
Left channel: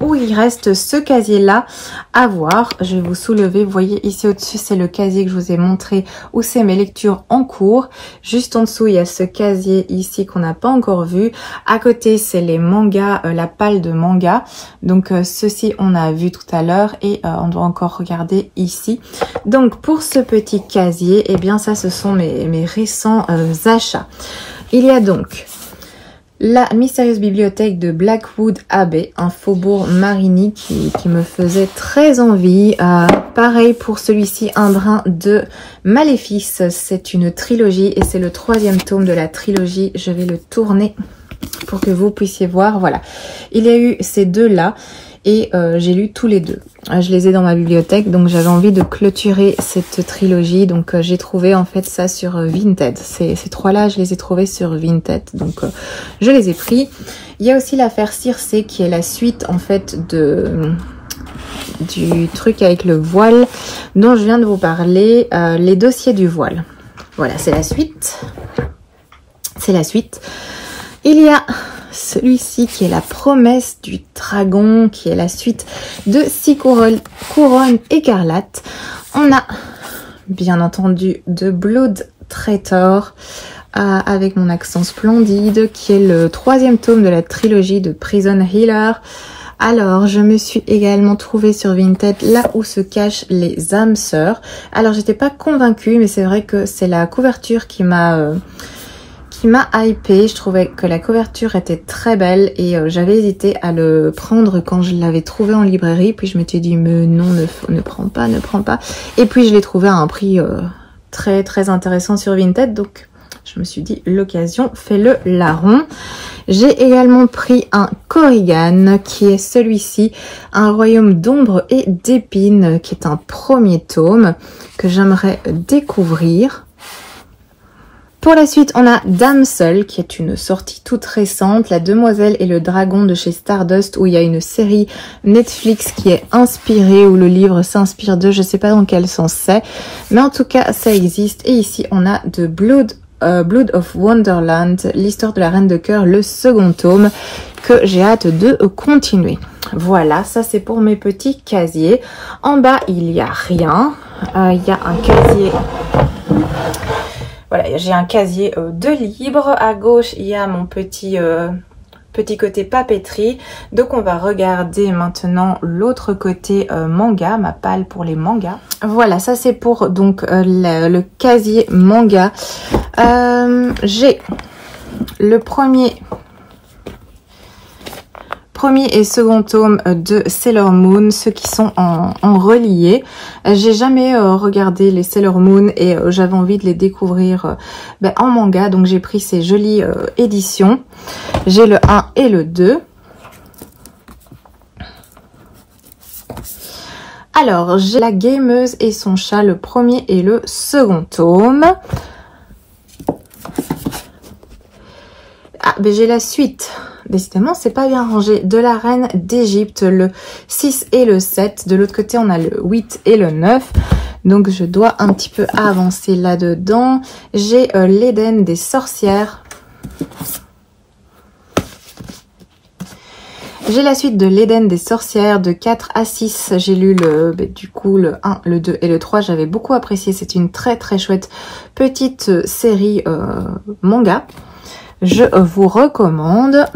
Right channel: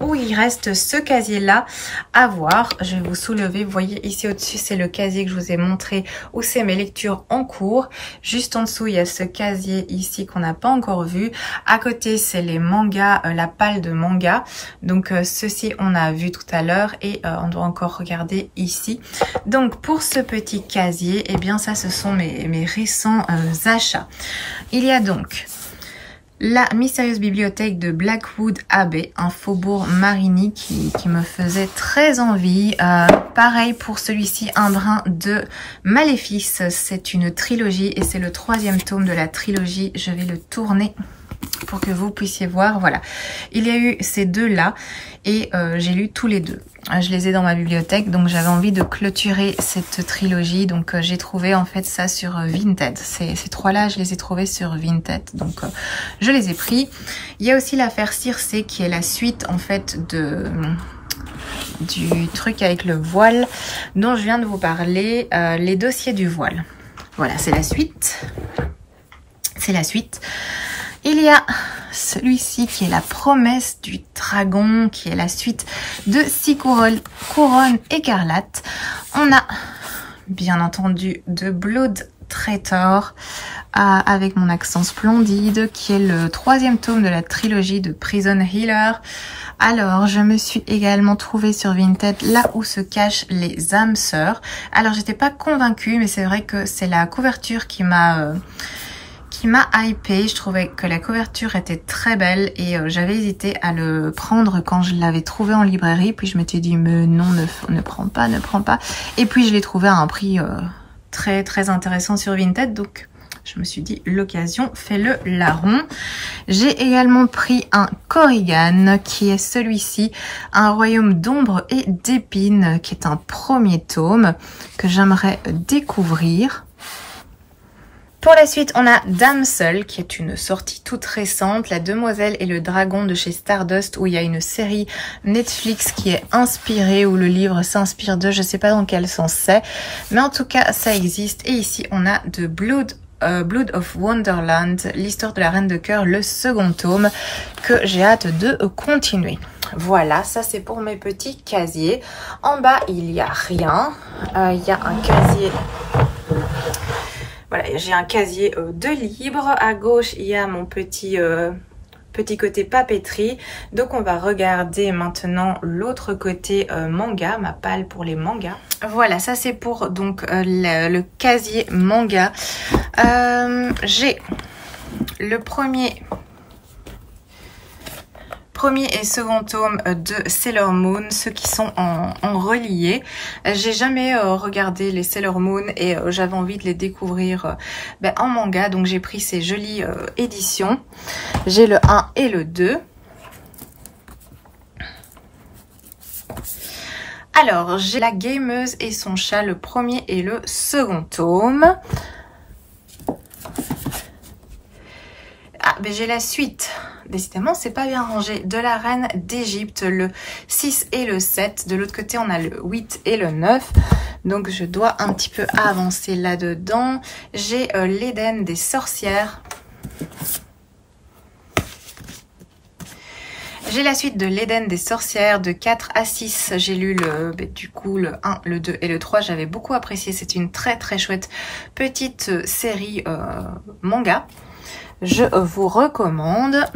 où il reste ce casier-là à voir. Je vais vous soulever. Vous voyez ici au-dessus, c'est le casier que je vous ai montré où c'est mes lectures en cours. Juste en dessous, il y a ce casier ici qu'on n'a pas encore vu. À côté, c'est les mangas, la palle de manga. Donc, ceci, on a vu tout à l'heure et on doit encore regarder ici. Donc, pour ce petit casier, eh bien, ça, ce sont mes récents achats. Il y a donc La mystérieuse bibliothèque de Blackwood Abbey, un faubourg Marigny qui me faisait très envie. Pareil pour celui-ci, Un brin de Maléfice. C'est une trilogie et c'est le 3e tome de la trilogie. Je vais le tourner pour que vous puissiez voir. Voilà, il y a eu ces deux-là et j'ai lu tous les deux. Je les ai dans ma bibliothèque, donc j'avais envie de clôturer cette trilogie. Donc j'ai trouvé en fait ça sur Vinted. Ces trois-là, je les ai trouvés sur Vinted, donc je les ai pris. Il y a aussi l'affaire Circé qui est la suite en fait du truc avec le voile dont je viens de vous parler, les dossiers du voile. Voilà, c'est la suite. C'est la suite. Il y a celui-ci qui est La promesse du dragon, qui est la suite de 6 couronnes écarlates. On a bien entendu The Blood Traitor avec mon accent splendide, qui est le 3e tome de la trilogie de Prison Healer. Alors, je me suis également trouvée sur Vinted Là où se cachent les âmes sœurs. Alors, j'étais pas convaincue, mais c'est vrai que c'est la couverture qui m'a hypé. Je trouvais que la couverture était très belle et j'avais hésité à le prendre quand je l'avais trouvé en librairie. Puis je m'étais dit, mais non, ne prends pas, ne prends pas. Et puis je l'ai trouvé à un prix très très intéressant sur Vinted. Donc je me suis dit, l'occasion fait le larron. J'ai également pris un Corrigan qui est celui-ci, Un royaume d'ombre et d'épines, qui est un 1er tome que j'aimerais découvrir. Pour la suite, on a Damsel, qui est une sortie toute récente, La demoiselle et le dragon de chez Stardust, où il y a une série Netflix qui est inspirée, où le livre s'inspire de, je sais pas dans quel sens c'est, mais en tout cas, ça existe. Et ici, on a The Blood of Wonderland, l'histoire de la Reine de Cœur, le 2e tome, que j'ai hâte de continuer. Voilà, ça c'est pour mes petits casiers. En bas, il n'y a rien. Il y a un casier... Voilà, j'ai un casier de livres. À gauche, il y a mon petit côté papeterie. Donc, on va regarder maintenant l'autre côté manga, ma palle pour les mangas. Voilà, ça c'est pour donc le casier manga. J'ai le premier premier et second tome de Sailor Moon, ceux qui sont en relié. J'ai jamais regardé les Sailor Moon et j'avais envie de les découvrir en manga, donc j'ai pris ces jolies éditions. J'ai le 1 et le 2. Alors, j'ai La Gameuse et son chat, le premier et le second tome. Ah, ben j'ai la suite. Décidément, c'est pas bien rangé. De la Reine d'Égypte, le 6 et le 7. De l'autre côté, on a le 8 et le 9. Donc, je dois un petit peu avancer là-dedans. J'ai l'Éden des sorcières. J'ai la suite de l'Éden des sorcières de 4 à 6. J'ai lu du coup le 1, le 2 et le 3. J'avais beaucoup apprécié. C'est une très très chouette petite série manga. Je vous recommande.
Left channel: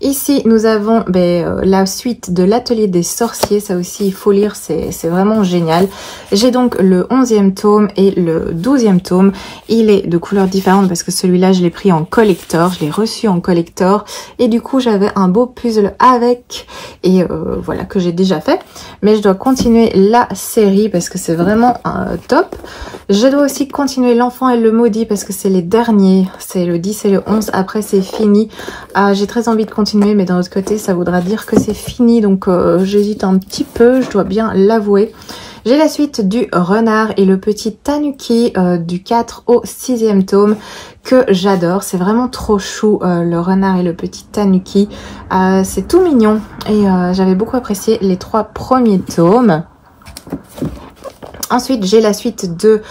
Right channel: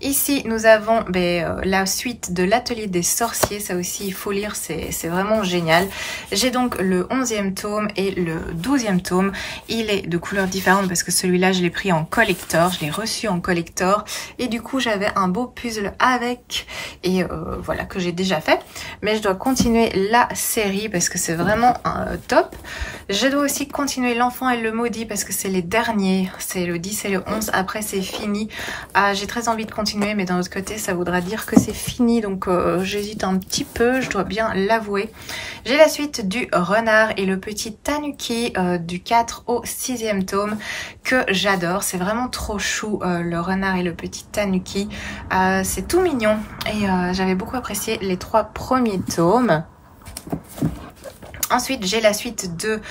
Ici, nous avons la suite de l'Atelier des sorciers. Ça aussi, il faut lire, c'est vraiment génial. J'ai donc le 11e tome et le 12e tome. Il est de couleurs différentes parce que celui-là, je l'ai pris en collector. Je l'ai reçu en collector. Et du coup, j'avais un beau puzzle avec. Et voilà, que j'ai déjà fait. Mais je dois continuer la série parce que c'est vraiment top. Je dois aussi continuer L'Enfant et le Maudit parce que c'est les derniers. C'est le 10 et le 11. Après, c'est fini. J'ai très envie de continuer, mais d'un autre côté ça voudra dire que c'est fini, donc j'hésite un petit peu, je dois bien l'avouer. J'ai la suite du Renard et le petit Tanuki du 4 au 6e tome que j'adore. C'est vraiment trop chou, le Renard et le petit Tanuki. C'est tout mignon et j'avais beaucoup apprécié les 3 premiers tomes. Ensuite, j'ai la suite de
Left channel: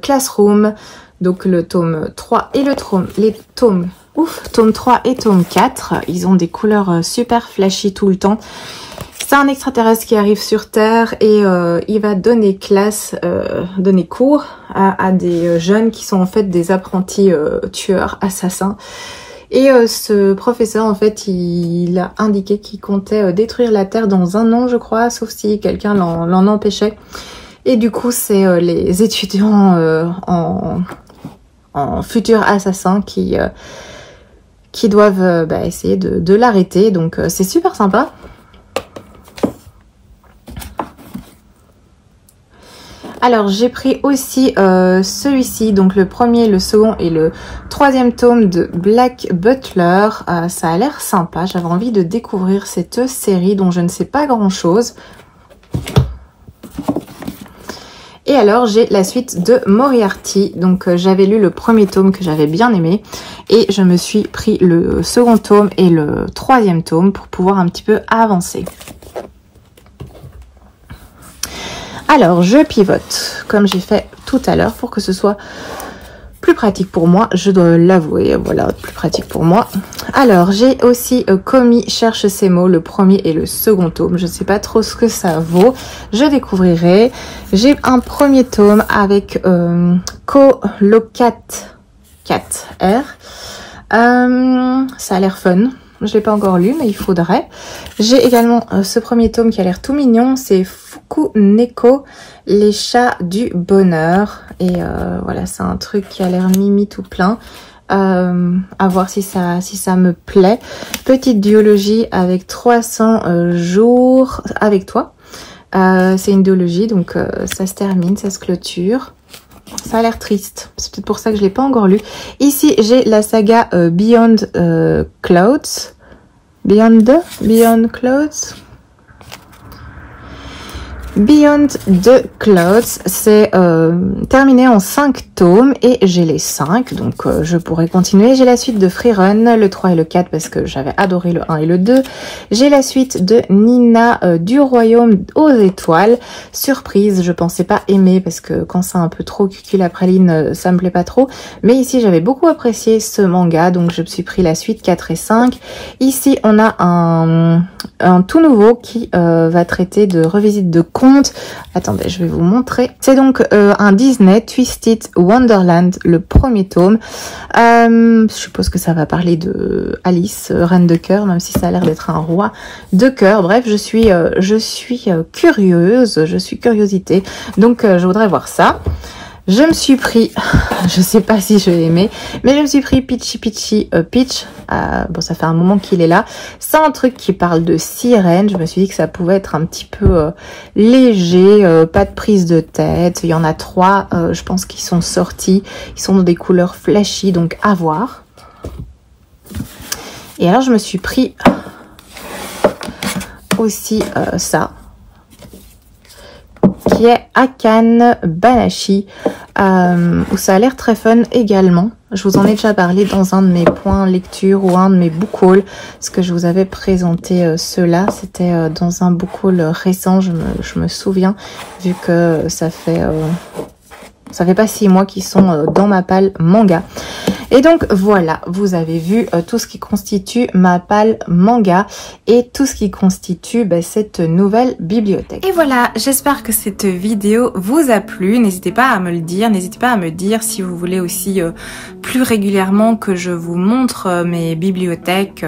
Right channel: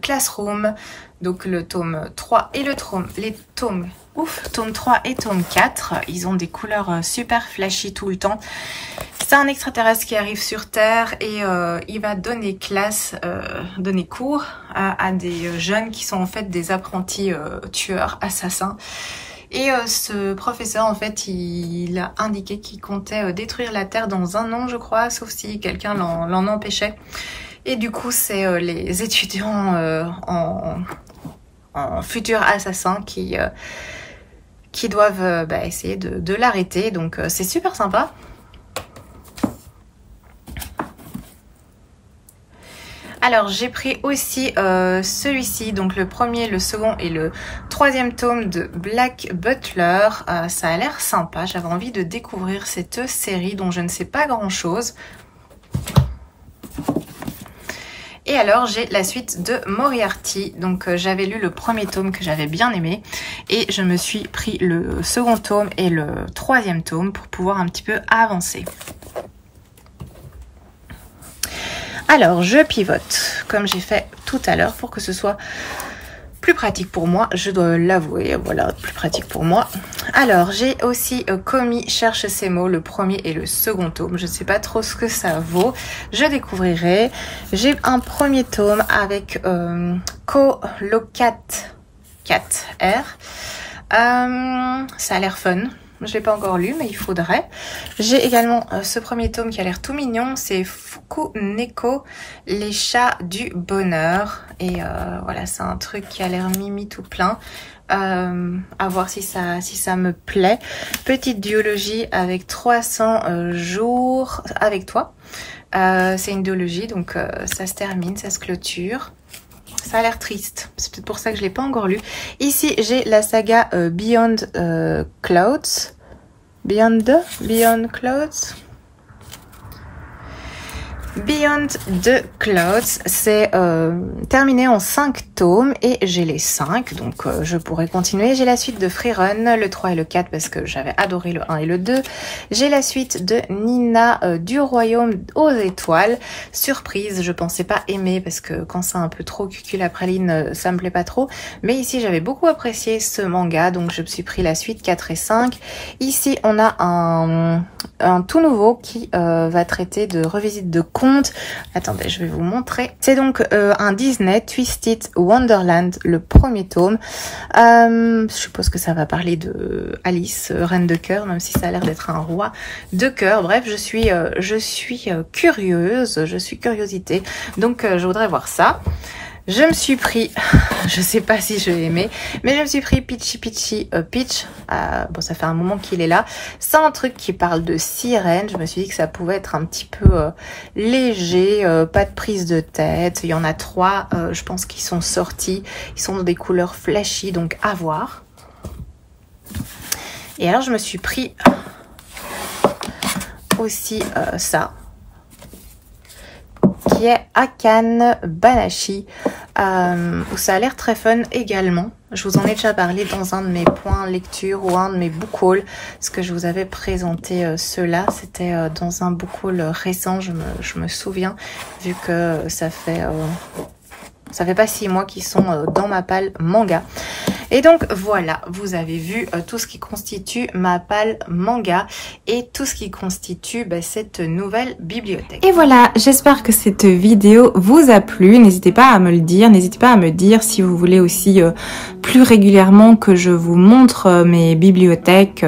Classroom, donc le tome 3 et tome 3 et tome 4, ils ont des couleurs super flashy tout le temps. C'est un extraterrestre qui arrive sur Terre et il va donner donner cours à des jeunes qui sont en fait des apprentis tueurs, assassins. Et ce professeur, en fait, il a indiqué qu'il comptait détruire la Terre dans 1 an, je crois, sauf si quelqu'un l'en empêchait. Et du coup, c'est les étudiants en futur assassin qui doivent essayer de l'arrêter. Donc c'est super sympa. Alors j'ai pris aussi celui-ci, donc le premier, le second et le 3e tome de Black Butler. Ça a l'air sympa, j'avais envie de découvrir cette série dont je ne sais pas grand chose. Et alors j'ai la suite de Moriarty, donc j'avais lu le premier tome que j'avais bien aimé et je me suis pris le second tome et le 3e tome pour pouvoir un petit peu avancer. Alors je pivote comme j'ai fait tout à l'heure pour que ce soit plus pratique pour moi, je dois l'avouer, voilà, plus pratique pour moi. Alors, j'ai aussi Komi cherche ses mots, le premier et le second tome. Je ne sais pas trop ce que ça vaut, je découvrirai. J'ai un premier tome avec Colocat 4R. Ça a l'air fun. Je l'ai pas encore lu, mais il faudrait. J'ai également ce premier tome qui a l'air tout mignon. C'est Fukuneko, les chats du bonheur. Et voilà, c'est un truc qui a l'air mimi tout plein. À voir si ça me plaît. Petite duologie avec 300 jours avec toi. C'est une duologie, donc ça se termine, ça se clôture. Ça a l'air triste, c'est peut-être pour ça que je ne l'ai pas encore lu. Ici, j'ai la saga Beyond Clouds. Beyond Clouds. Beyond the Clouds, c'est terminé en 5 tomes et j'ai les 5, donc je pourrais continuer. J'ai la suite de Freerun, le 3 et le 4 parce que j'avais adoré le 1 et le 2. J'ai la suite de Nina du Royaume aux Étoiles. Surprise, je pensais pas aimer parce que quand c'est un peu trop cuculapraline, ça me plaît pas trop. Mais ici, j'avais beaucoup apprécié ce manga, donc je me suis pris la suite 4 et 5. Ici, on a un tout nouveau qui va traiter de revisite de contes. Attendez, je vais vous montrer. C'est donc un Disney Twisted Wonderland, le premier tome. Je suppose que ça va parler de Alice, reine de cœur, même si ça a l'air d'être un roi de cœur. Bref, je suis curieuse, je suis curiosité, donc je voudrais voir ça. Je me suis pris, je sais pas si je vais aimer, mais je me suis pris Peachy Peach. Bon, ça fait un moment qu'il est là. C'est un truc qui parle de sirène. Je me suis dit que ça pouvait être un petit peu léger, pas de prise de tête. Il y en a 3, je pense, qui sont sortis. Ils sont dans des couleurs flashy, donc à voir. Et alors, je me suis pris aussi ça, qui est Akan Banashi. Ça a l'air très fun également. Je vous en ai déjà parlé dans un de mes points lecture ou un de mes book hauls. Ce que je vous avais présenté cela, c'était dans un book haul récent, je me souviens, vu que ça fait pas 6 mois qu'ils sont dans ma palle manga. Et donc voilà, vous avez vu tout ce qui constitue ma palle manga et tout ce qui constitue cette nouvelle bibliothèque. Et voilà, j'espère que cette vidéo vous a plu. N'hésitez pas à me le dire, n'hésitez pas à me dire si vous voulez aussi plus régulièrement que je vous montre mes bibliothèques,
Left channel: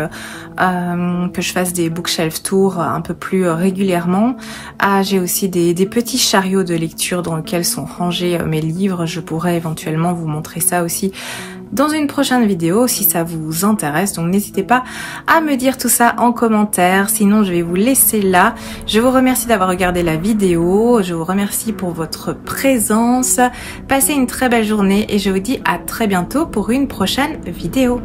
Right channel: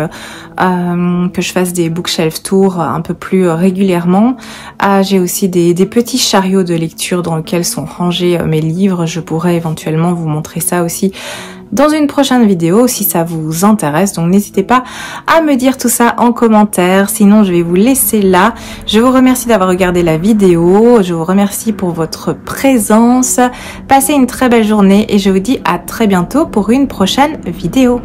que je fasse des bookshelf tours un peu plus régulièrement. J'ai aussi des petits chariots de lecture dans lesquels sont rangés mes livres. Je pourrais éventuellement vous montrer ça aussi dans une prochaine vidéo si ça vous intéresse. Donc n'hésitez pas à me dire tout ça en commentaire. Sinon je vais vous laisser là. Je vous remercie d'avoir regardé la vidéo. Je vous remercie pour votre présence. Passez une très belle journée et je vous dis à très bientôt pour une prochaine vidéo.